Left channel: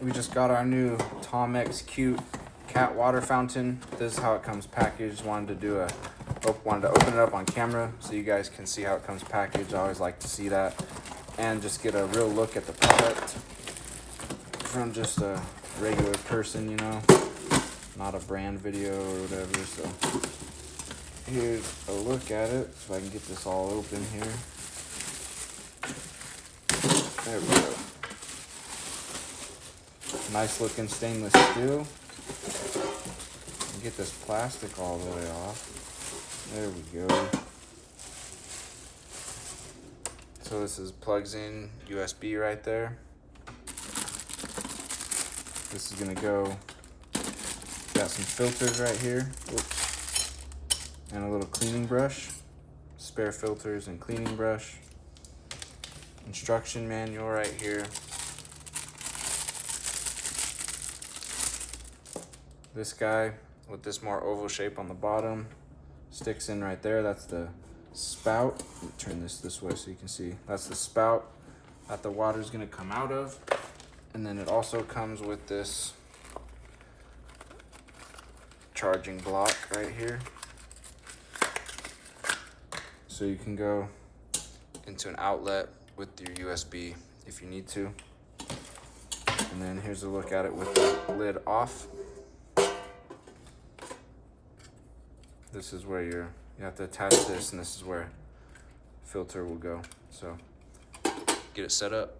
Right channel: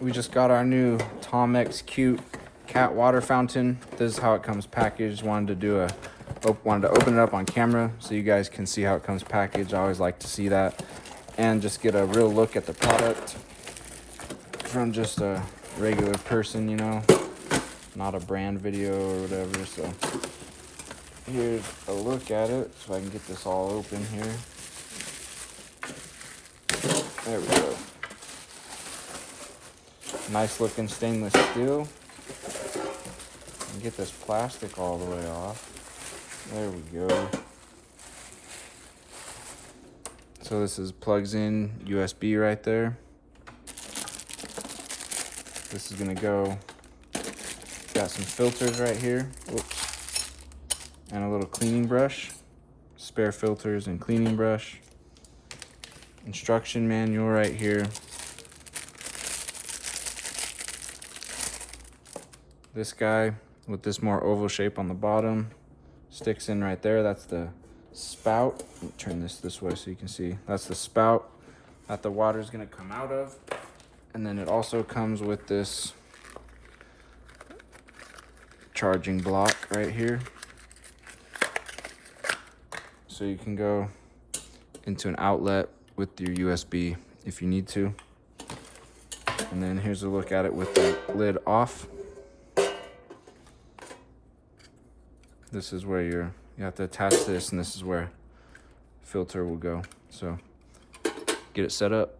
We just got our new Tomxcute cat water fountain. This is how it comes packaged. Wanted to open it up on camera so you guys can see how it comes packaged. I always like to see that and just get a real look at the product from just a regular person, you know, not a brand video or whatever. So here's a look at it, so I can get this all open here. There we go. Nice looking stainless steel. Get this plastic all the way off. There we go. So this plugs in USB right there. This is gonna go, got some filters right here. Whoops. And a little cleaning brush. Spare filters and cleaning brush. Instruction manual right here. This guy with this more oval shape on the bottom sticks in right there. That's the spout. Let me turn this way so you can see. That's the spout that the water is going to come out of. And then it also comes with this charging block right here. So you can go into an outlet with your USB if you need to. And then here's a look at it with the lid off. This is where you have to attach this, and this is where filter will go. So get it set up.